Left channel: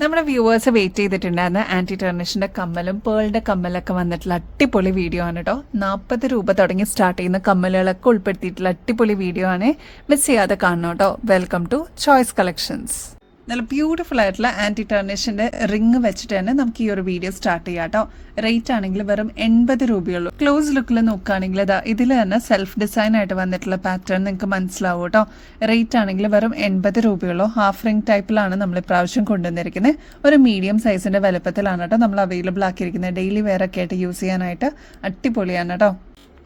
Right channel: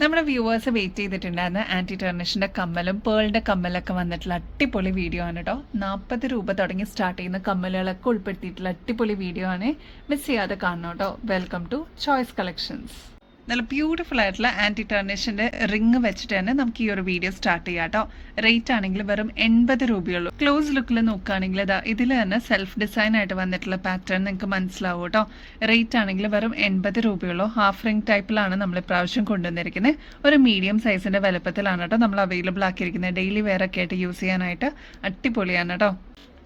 നമ്മുടെ viewers wait ചെയ്തിട്ടുണ്ടായിരുന്ന anti ടെർണിഷിന്റെ കമ്മലും പേളിന്റെ കമ്മലൊക്കെ വന്നിട്ടുള്ള അടിപൊളി വീഡിയോ ആണ് കേട്ടോ. 40 രൂപ തുടങ്ങി സ്റ്റാർട്ട് ചെയ്യുന്ന കമ്മലുകളൊക്കെ ഉൾപ്പെടുത്തിയിട്ടുള്ള അടിപൊളി വീഡിയോ ആണ്. മിസ് ചെയ്യാതെ കാണണം കേട്ടോ. Welcome to choice collections. നല്ല ബ്യൂട്ടിഫുൾ ആയിട്ടുള്ള ആന്റി ടെർണിഷിന്റെ റിങ് വെച്ചിട്ട് തന്നെ നമുക്ക് ഈ ഒരു വീഡിയോ സ്റ്റാർട്ട് ചെയ്യാം കേട്ടോ. റേറ്റ് ആണെങ്കിൽ വെറും 80 രൂപയുള്ളൂ. ക്ലോസ് ലുക്കിൽ നോക്കുകയാണെങ്കിൽ ഇതിൽ തന്നെ സെൽഫ് ഡിസൈൻ ആയിട്ട് വന്നിട്ടുള്ള പാറ്റേൺ നിങ്ങൾക്ക് മനസ്സിലാവും കേട്ടോ. റേറ്റ് ആണെങ്കിൽ വെറും 80 രൂപയുള്ളൂ. ഹാഫ് റിംഗ് ടൈപ്പിലാണ് നമ്മൾ ഇപ്രാവശ്യം കൊണ്ടുവന്നിരിക്കുന്നത്. ഒരു മീഡിയം സൈസിന്റെ വലുപ്പത്തിലാണ് കേട്ടോ നമ്മൾ അവൈലബിൾ ആക്കിയിരിക്കുന്നത്. ഡെയിലി വെയർ ഒക്കെ ആയിട്ട് യൂസ് ചെയ്യാനായിട്ട് അടിപൊളിയാണ് കേട്ടോ.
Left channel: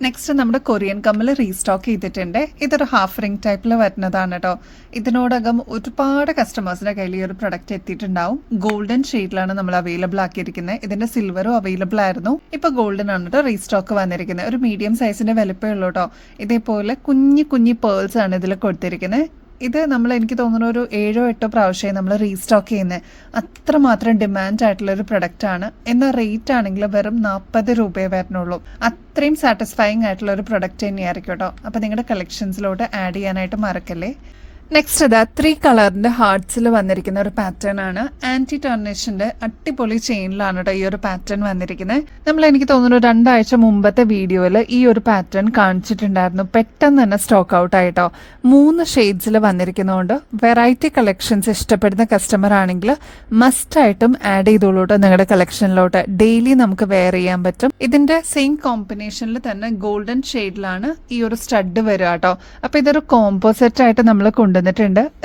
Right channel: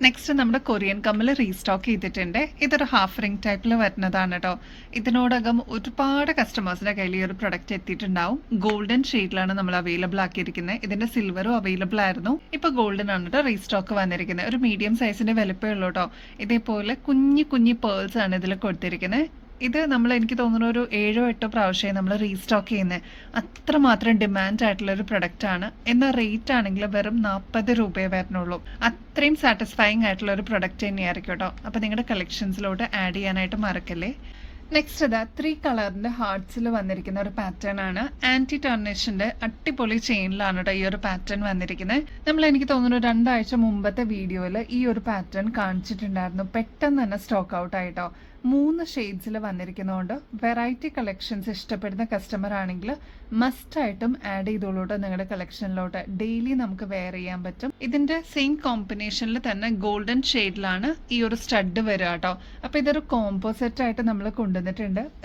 നെക്സ്റ്റ് നമ്മുടെ കൊറിയൻ കമ്മൽ റീസ്റ്റോക്ക് ചെയ്തിട്ടുണ്ട്. ഇതൊരു ഹാഫ് റിംഗ് ടൈപ്പിൽ വരുന്നതാണ് കേട്ടോ. ഇതിനോടകം ഒരുപാട് കസ്റ്റമേഴ്സിന്റെ കയ്യിൽ ഈ ഒരു പ്രൊഡക്റ്റ് എത്തിയിട്ടുണ്ടാവും. ഗോൾഡൻ ഷെയ്ഡിലാണ് നമ്മൾ അവൈലബിൾ ആക്കിയിരിക്കുന്നത്. ഇതിന്റെ സിൽവറും അവൈലബിൾ ആയിരുന്നു. ഇപ്പൊ ഗോൾഡൻ ആണ് കേട്ടോ റീസ്റ്റോക്ക് വന്നിരിക്കുന്നത്. ഒരു മീഡിയം സൈസിന്റെ വലുപ്പമേ ഉള്ളൂ കേട്ടോ. ഇതേപോലെ കുഞ്ഞി പേൾസ് ആണ് ഇതിൽ കൊടുത്തിരിക്കുന്നത്. ഇത് നമ്മൾ എനിക്ക് തോന്നുന്ന ഒരു 7-8 പ്രാവശ്യമായി നമ്മൾ റീസ്റ്റോക്ക് ചെയ്യുന്നത്. അത്രമാത്രം ഡിമാൻഡ് ആയിട്ടുള്ള ഒരു പ്രൊഡക്റ്റ് ആണ്. എന്നാൽ റേറ്റ് ആണെങ്കിൽ വെറും 40 രൂപയെ വരുന്നുള്ളൂ. അത്രയും സാറ്റിസ്ഫൈങ് ആയിട്ടുള്ള ഒരു പ്രൊഡക്റ്റ് തന്നെയായിരിക്കും കേട്ടോ. അപ്പോൾ നിങ്ങളുടെ കളക്ഷൻസിലോട്ട് ആഡ് ചെയ്യാനായിട്ട് മറക്കല്ലേ. നെക്സ്റ്റ് 3 കളറിന്റെ ഹാർട്സിൽ വന്നിരിക്കുന്ന ഒരു പാറ്റേൺ ആണ്. ആന്റി ടെർണിഷിന്റെ അടിപൊളി ചെയിനിലാണ് കേട്ടോ ഈ ഒരു പാറ്റേൺ വന്നിരിക്കുന്നത്. നമ്മൾ എനിക്ക് തോന്നുന്നു 2 ആഴ്ച മുമ്പത്തെ വീഡിയോയിൽ ഈ ഒരു പാറ്റേൺ കാണിച്ചിട്ടുണ്ടായിരുന്നു. പെട്ടെന്ന് തന്നെ സ്റ്റോക്ക് ഔട്ട് ആയിട്ടോ. 3 ഷെയ്ഡ്സിൽ വന്നിരിക്കുന്നതുകൊണ്ട് വെറൈറ്റി കളക്ഷൻസ് ഇഷ്ടപ്പെടുന്ന കസ്റ്റമർ ആണെങ്കിൽ മസ്റ്റ് ആയിട്ടും ആഡ് ചെയ്തോളൂ കേട്ടോ നിങ്ങളുടെ കളക്ഷനിലോട്ട്. ഡെയിലി നമുക്ക് വെയർ ചെയ്യാൻ പറ്റും. ഇതിന്റെ സെയിം കോമ്പിനേഷനിൽ തന്നെ ഗോൾഡൻ ഷെയ്ഡിലാണ് ഈ ഒരു സ്റ്റഡ് വരിക കേട്ടോ. അപ്പൊ ഇതൊരു കോമ്പോസിറ്റ് ആയിട്ട് നമ്മൾ കൊണ്ടുവന്നിട്ടുണ്ട്.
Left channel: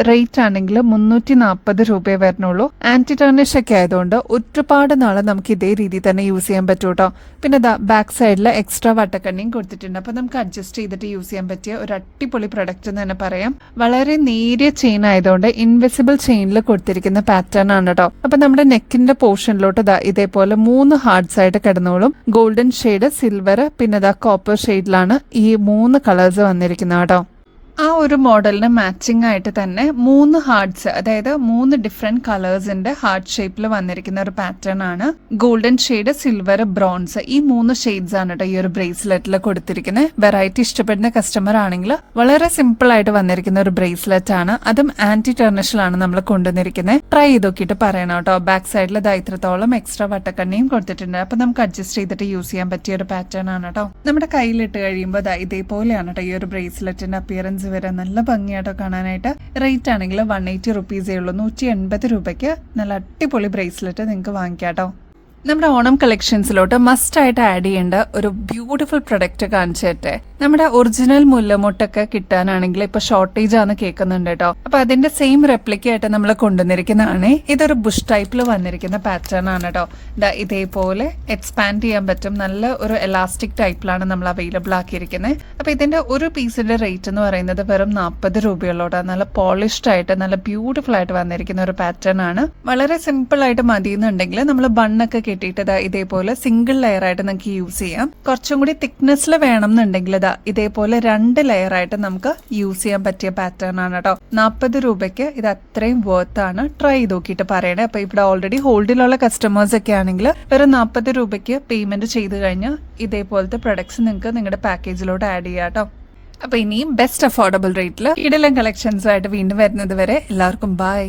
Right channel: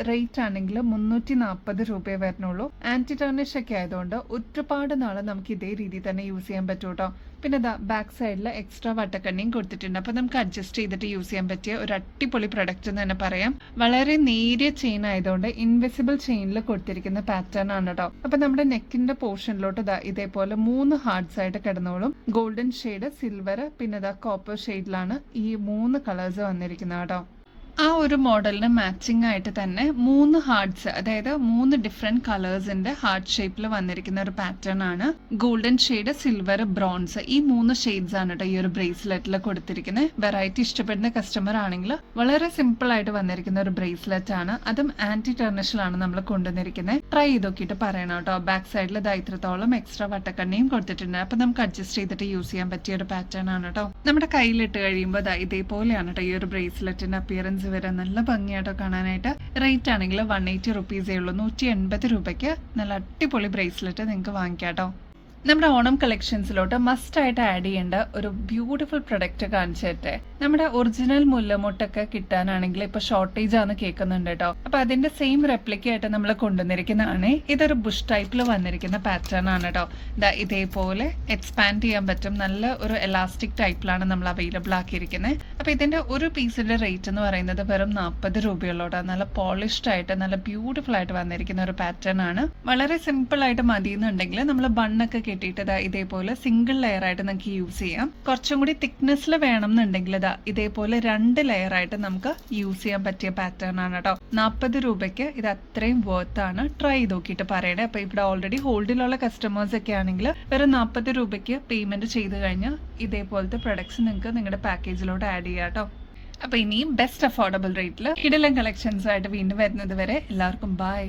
റേറ്റ് ആണെങ്കിൽ 340 രൂപയെ വരുന്നുള്ളൂ. ആന്റി ടെർണിഷ് ഒക്കെ ആയതുകൊണ്ട് ഒരുപാട് നാളെ നമുക്ക് ഇതേ രീതിയിൽ തന്നെ യൂസ് ചെയ്യാൻ പറ്റും കേട്ടോ. പിന്നെ ബാക്ക് സൈഡിൽ എക്സ്ട്രാ വട്ടക്കണ്ണിയും കൊടുത്തിട്ടുണ്ട്. അപ്പൊ നമുക്ക് അഡ്ജസ്റ്റ് ചെയ്തിട്ട് യൂസ് ചെയ്യാൻ പറ്റിയ ഒരു അടിപൊളി പ്രൊഡക്റ്റ് എന്ന് തന്നെ പറയാം. വളരെ നേരിയ ചെയിൻ ആയതുകൊണ്ട് ഇൻവിസിബിൾ ചെയിനിൽ കൊടുത്തിരിക്കുന്ന പാറ്റേൺ ആണ് കേട്ടോ. അപ്പൊ നമ്മുടെ നെക്കിന്റെ പോർഷനിലോട്ട് ഇതേപോലെ 3 ഹാർട്സ് ആയിട്ട് കിടന്നോളും. ഗോൾഡൻ ഷെയ്ഡ്, സിൽവർ, പിന്നെ കോപ്പർ ഷെയ്ഡിലാണ് ഈ 3 കളേഴ്സ് വന്നിരിക്കുന്നത് കേട്ടോ. ആ ഒരു മോഡലിന് മാച്ചിങ് ആയിട്ട് തന്നെ 3 ഹാർട്സ്, അതായത് 3 ഡിഫറെന്റ് കളേഴ്സിന്റെ ഹാർട്ട് ഷേപ്പിൽ വന്നിരിക്കുന്ന ഒരു പാറ്റേൺ ആണ്. ഗോൾഡൻ ഷെയ്ഡ്, സിൽവർ, ബ്രോൺസ്, ഈ 3 ഷെയ്ഡ്സ് ആണ് കേട്ടോ ഈ ഒരു ബ്രേസ്ലെറ്റിൽ കൊടുത്തിരിക്കുന്നത്. വെറൈറ്റി ഇഷ്ടപ്പെടുന്ന കസ്റ്റമർ ആണെങ്കിൽ വളരെ സിമ്പിൾ ആയിട്ട് വന്നിരിക്കുന്ന ഒരു ബ്രേസ്ലെറ്റ് ആണ്. അതും ആന്റി ടെർണിഷിലാണ് നമ്മൾ കൊണ്ടുവന്നിരിക്കുന്നത്. ട്രൈ ചെയ്ത് നോക്കിയിട്ട് പറയണം കേട്ടോ. ബാക്ക് സൈഡിൽ ഇത്രത്തോളം എക്സ്ട്രാ വട്ടക്കണ്ണിയും കൊടുത്തിട്ടുണ്ട്. അപ്പൊ നമുക്ക് അഡ്ജസ്റ്റ് ചെയ്തിട്ട് യൂസ് ചെയ്യാൻ പറ്റിയ ഒരു പാറ്റേൺ ആണ് കേട്ടോ. നമ്മുടെ കയ്യിലിട്ട് കഴിയുമ്പോൾ ഇതേപോലെയാണ് കേട്ടോ ഈ ഒരു ബ്രേസ്ലെറ്റിന്റെ അപ്പിയറൻസ് വരെ. നല്ല ഭംഗിയായിട്ടോ കാണാനായിട്ട്. റേറ്റ് ആണെങ്കിൽ 180 റുപ്പീസേ ഉള്ളൂ. 180 രൂപയ്ക്ക് നല്ല അടിപൊളി ബ്രേസ്ലെറ്റ് നിങ്ങൾക്ക് വാങ്ങിക്കാട്ടോ. നമ്മുടെ ഓണം കളക്ഷൻസിലോട്ട് മസ്റ്റ് ആയിട്ട് ആഡ് ചെയ്യേണ്ട ഒരു ബ്യൂട്ടിഫുൾ പ്രൊഡക്റ്റ് കാണിച്ചിട്ടെ. നമ്മുടെ ഒറിജിനൽ മുല്ലമുട്ടൊക്കെ കിട്ടാനാണെങ്കിൽ ഇപ്പൊ ഷോർട്ടേജ് ആണ് കേൾക്കുന്നുണ്ട് കേട്ടോ. അപ്പൊ അതിന്റെ സെയിം റെപ്ലിക്ക ആയിട്ട് നമ്മൾ കൊണ്ടുവന്നിരിക്കുന്നതാണ്. ഇതൊരു ബുഷ് ടൈപ്പിൽ വന്നിരിക്കുന്ന പാറ്റേൺ ആണ് കേട്ടോ. ഇതേപോലെ എക്സ്പാൻഡ് ചെയ്യാൻ പറ്റും. നല്ല ഒരു എലാസ്റ്റിക് ടൈപ്പിലാണ് നമ്മൾ അവൈലബിൾ ആക്കിയിരിക്കുന്നത്. അപ്പൊ ഇതിന്റെ ഒരു പീസിന്റെ റേറ്റ് എന്ന് പറയുന്നത് വെറും 40 രൂപയുള്ളൂട്ടോ. നല്ല പോളിഷ്ഡ് ആയിട്ട് നല്ല ബ്യൂട്ടിഫുൾ ആയിട്ട് വന്നിരിക്കുന്ന ഒരു പാറ്റേൺ ആണ്. വളരെ സിമ്പിൾ ആയിട്ട് മതിയെന്നുണ്ടെങ്കിൽ നമ്മൾ ബണ്ണൊക്കെ കിട്ടിയിട്ട് ഇതേപോലെ സിംഗിൾ ലെയർ ആയിട്ട് നമുക്ക് യൂസ് ചെയ്യാം. കുറച്ചും കൂടി തിക്നെസ്സിൽ വേണം എന്നുണ്ടെങ്കിൽ ഇതേപോലെ 2 ലെയർ ആയിട്ട് നമുക്ക് യൂസ് ചെയ്യാൻ പറ്റിയ പാറ്റേൺ ആണ് കേട്ടോ. 40 രൂപയ്ക്ക് ഇത് അത്രയും വർത്ത് ആണ്. ട്രൈ ചെയ്ത് നോക്കിയിട്ട് പറയണേ. അപ്പൊ ഇവിടെ ഓൾറെഡി ഹോൾഡിലുള്ള കസ്റ്റമേഴ്സ് ഒക്കെ ആണെങ്കിൽ വെറും 40 രൂപയ്ക്ക് പേയ്മെന്റ് ചെയ്ത് കഴിഞ്ഞാൽ ഇതേപോലത്തെ പ്രൊഡക്ട്സ് നിങ്ങൾക്ക് നിങ്ങളുടെ പാക്കേജിലോട്ട് ആഡ് ചെയ്യാം കേട്ടോ. അപ്പൊ ഇനിയും ബെസ്റ്റ് അഫോർഡബിൾ റേറ്റിൽ ഇടലം കളക്ഷൻസ് ആയിട്ട് വീണ്ടും വരുന്നത് വരെ എല്ലാവർക്കും ബൈ.